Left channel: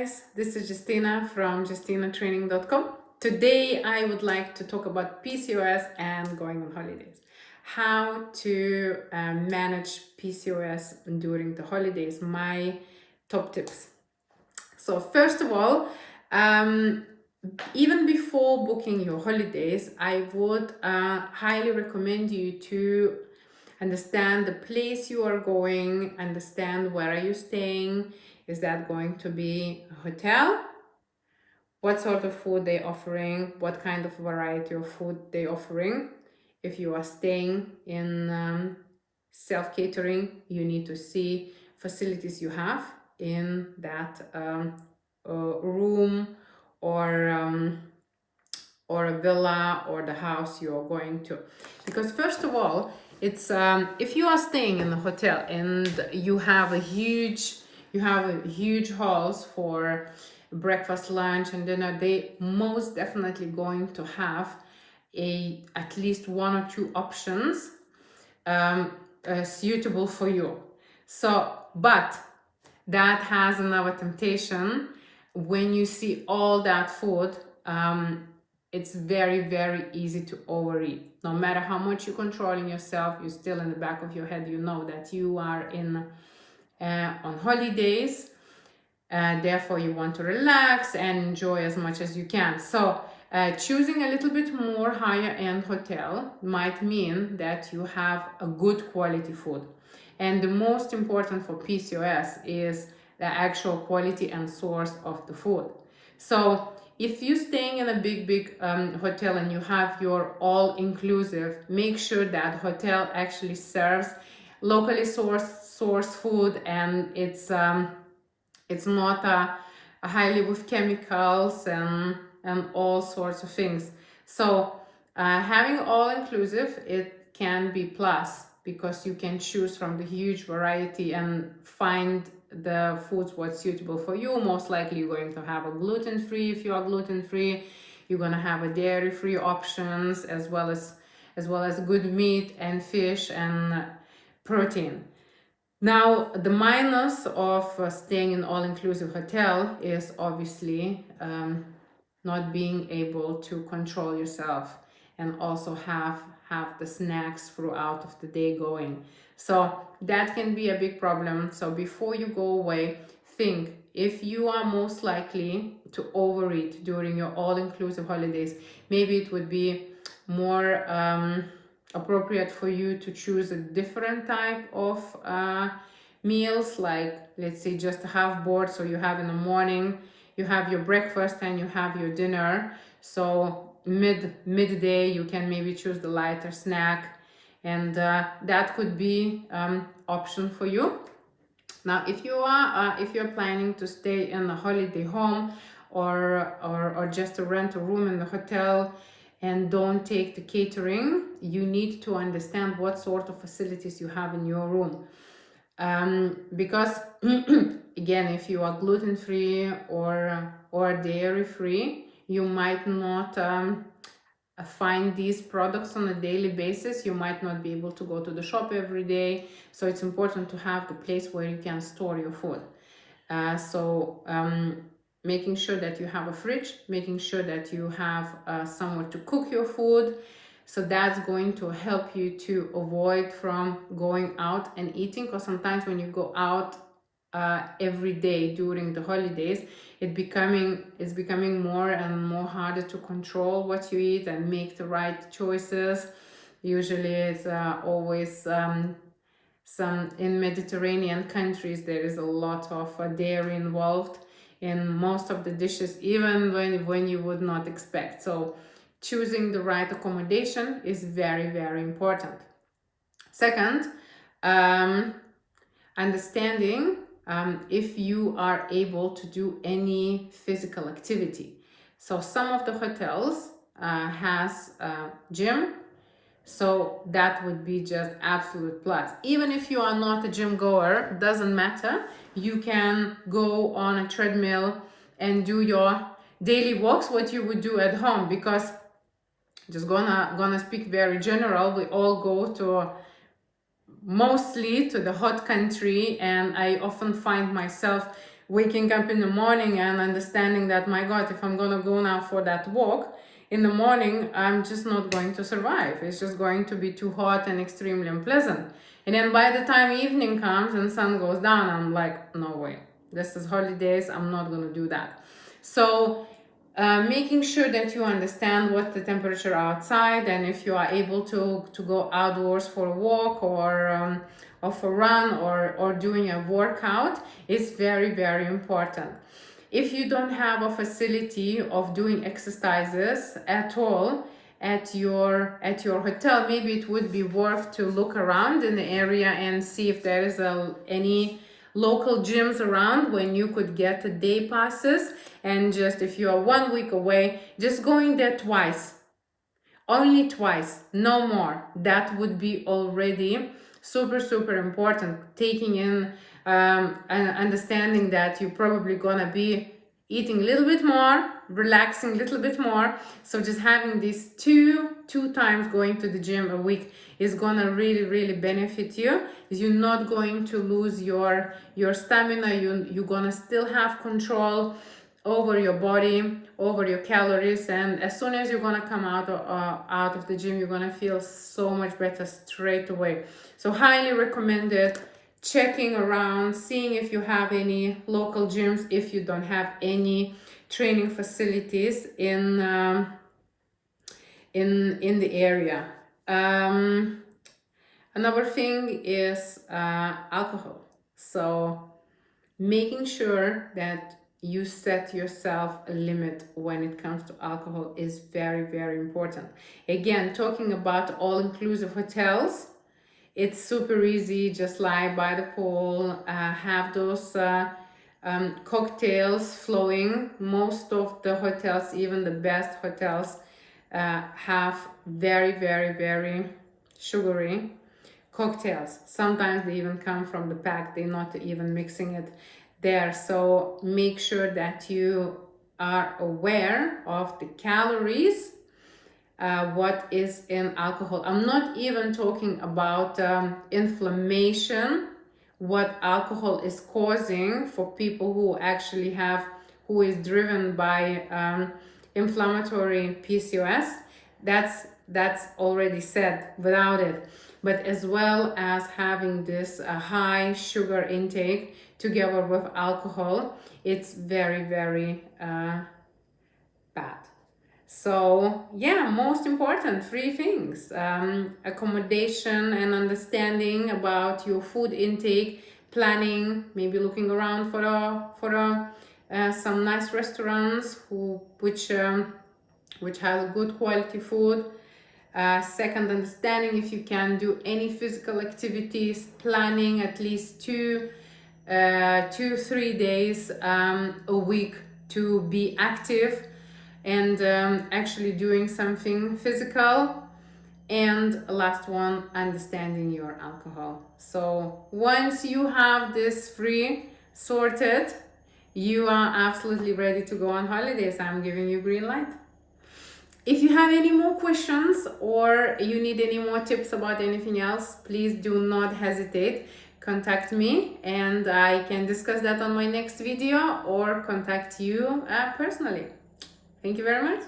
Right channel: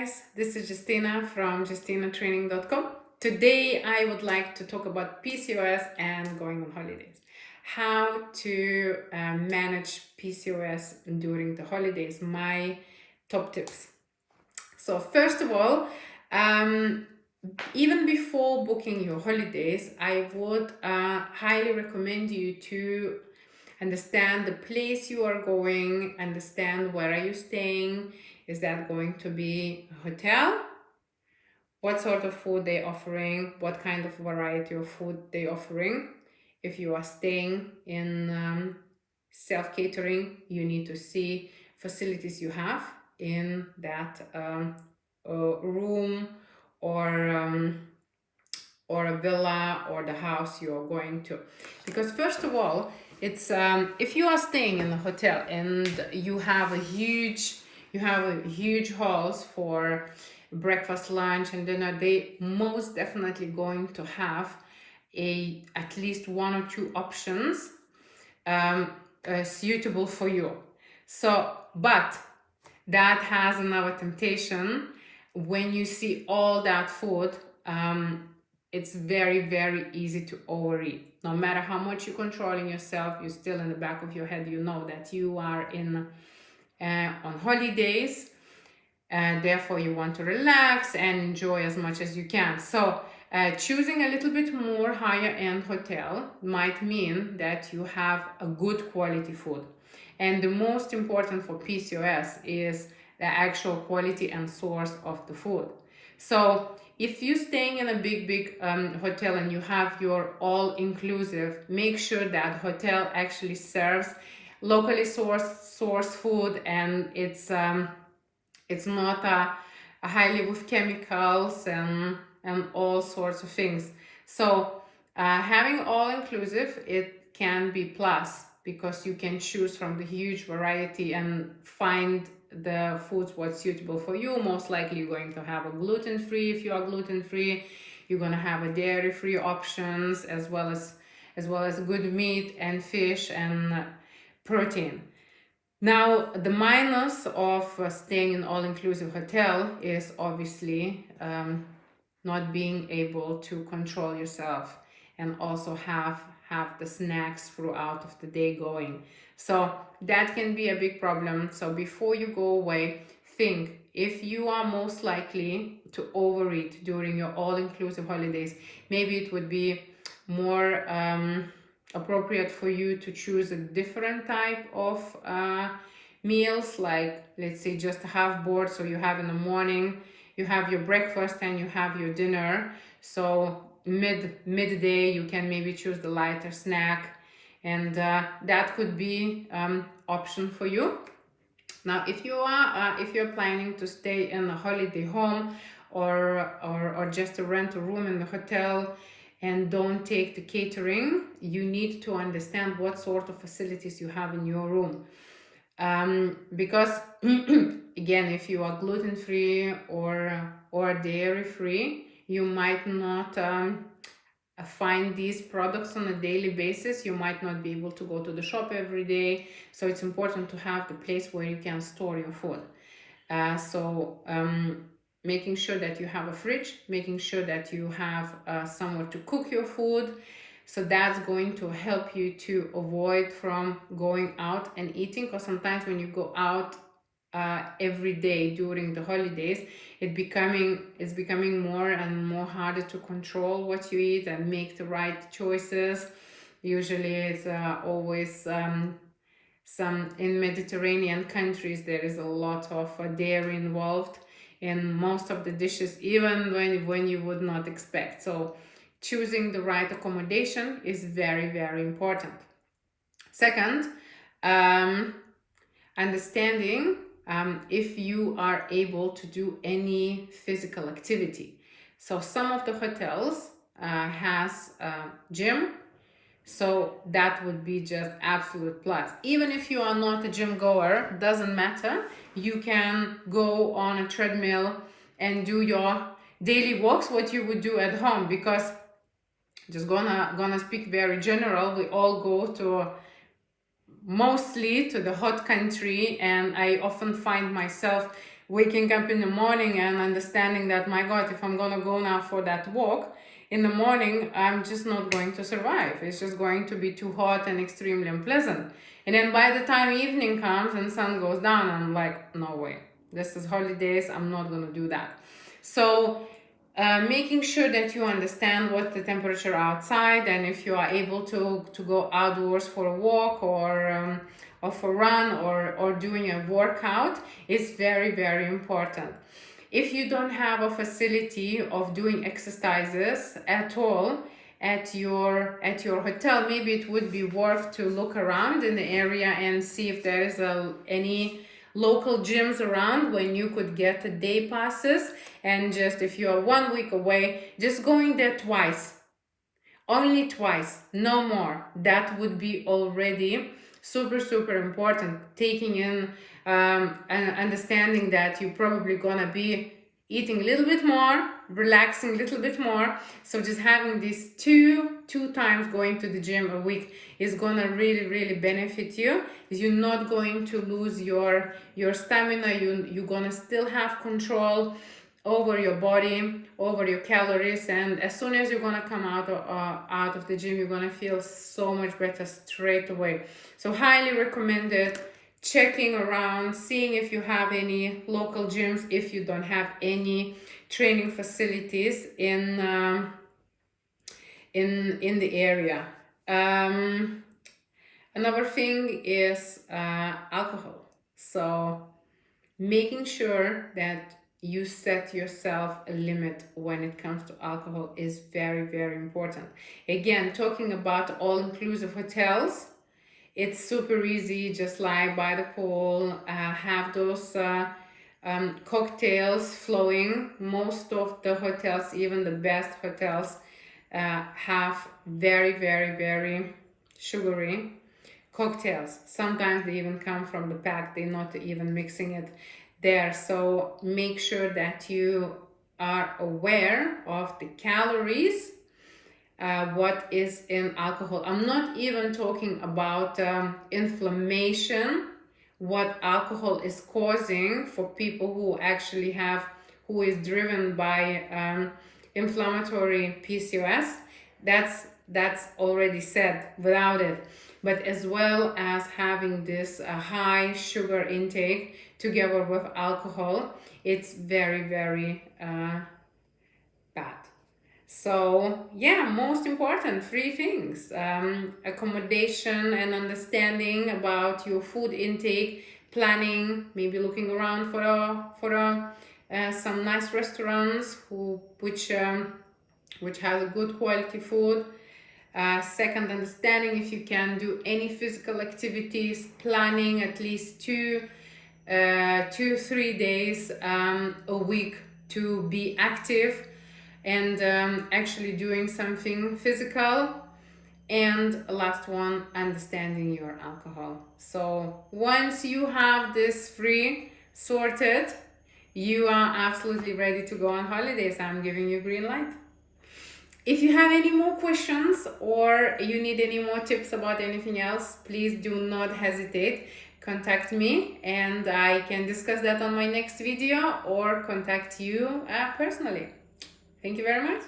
Guys, this is Justina from JustinaTraining.com. Today I would like to talk about PCOS and going on holidays. How to manage PCOS during the holidays, my top tips. So first of all, even before booking your holidays, I would highly recommend you to understand the place you are going, understand where are you staying. Is that going to be a hotel? What sort of food they're offering? What kind of variety of food they're offering? If you are staying in self-catering, you need to see facilities you have in that room or a villa or the house you are going to. Because first of all, it's if you are staying in a hotel and you have a huge halls for breakfast, lunch, and dinner, they most definitely going to have at least one or two options suitable for you. So, but that has another temptation. When you see all that food, it's very, very easy to overeat. No matter how much you're controlling yourself, you're still in the back of your head, you know that you are on holidays, therefore you want to relax and enjoy as much as you can. So choosing a little bit more higher end hotel might mean that you have a good quality food. And the most important for PCOS is the actual quality and source of the food. So if you're staying in a big hotel and you have your all-inclusive, make sure that hotel actually serves locally sourced food, and it's not a highly with chemicals and all sorts of things. So having all-inclusive, it can be plus, because you can choose from the huge variety and find the foods what's suitable for you. Most likely you're going to have a gluten-free. If you are gluten-free, you're going to have a dairy-free options, as well as good meat and fish and protein. Now, the minus of staying in all-inclusive hotel is obviously not being able to control yourself and also have the snacks throughout of the day going. So that can be a big problem. So before you go away, think if you are most likely to overeat during your all-inclusive holidays, maybe it would be more appropriate for you to choose a different type of meals, like let's say just a half board. So you have in the morning, you have your breakfast and you have your dinner. So midday you can maybe choose the lighter snack, and that could be option for you. Now if you're planning to stay in a holiday home or just to rent a room in the hotel and don't take the catering, you need to understand what sort of facilities you have in your room. Because again, if you are gluten-free or dairy-free, you might not find these products on a daily basis. You might not be able to go to the shop every day. So it's important to have the place where you can store your food. Making sure that you have a fridge, making sure that you have somewhere to cook your food. So that's going to help you to avoid from going out and eating, because sometimes when you go out every day during the holidays, it's becoming more and more harder to control what you eat and make the right choices. Usually it's always some in Mediterranean countries there is a lot of dairy involved in most of the dishes, even when you would not expect. So choosing the right accommodation is very, very important. Second, understanding if you are able to do any physical activity. So some of the hotels has gym, so that would be just absolute plus. Even if you are not a gym goer, doesn't matter. You can go on a treadmill and do your daily walks, what you would do at home, because just gonna speak very general. We all go to mostly to the hot country, and I often find myself waking up in the morning and understanding that, my God, if I'm gonna go now for that walk in the morning, I'm just not going to survive. It's just going to be too hot and extremely unpleasant. And then by the time evening comes and sun goes down, I'm like, no way. This is holidays. I'm not gonna do that. So making sure that you understand what's the temperature outside, and if you are able to go outdoors for a walk or for a run or doing a workout is very, very important. If you don't have a facility of doing exercises at all at your hotel, maybe it would be worth to look around in the area and see if there is any local gyms around when you could get a day passes, and just if you are 1 week away, just going there twice, only twice, no more. That would be already super important, taking in understanding that you're probably gonna be eating a little bit more, relaxing a little bit more. So just having these two times going to the gym a week is gonna really benefit you. You're not going to lose your stamina. You're gonna still have control over your body, over your calories, and as soon as you're gonna come out of the gym, you're gonna feel so much better straight away. So highly recommended checking around, seeing if you have any local gyms, if you don't have any training facilities in the area. Another thing is alcohol. So making sure that you set yourself a limit when it comes to alcohol is very important. Again, talking about all-inclusive hotels, it's super easy, just lie by the pool, have those cocktails flowing. Most of the hotels, even the best hotels, have very sugary cocktails. Sometimes they even come from the pack, they're not even mixing it there. So make sure that you are aware of the calories, what is in alcohol. I'm not even talking about inflammation, what alcohol is causing for people who actually who is driven by inflammatory PCOS. That's already said without it. But as well as having this high sugar intake together with alcohol, it's very bad. So yeah, most important 3 things: accommodation and understanding about your food intake, planning, maybe looking around for some nice restaurants which have a good quality food. Second, understanding if you can do any physical activities, planning at least 2-3 days a week to be active and actually doing something physical. And last one, understanding your alcohol. So once you have this 3 sorted, you are absolutely ready to go on holidays. I'm giving you green light. If you have any more questions or you need any more tips about anything else, please do not hesitate. Contact me and I can discuss that on my next video or contact you personally. Thank you very much.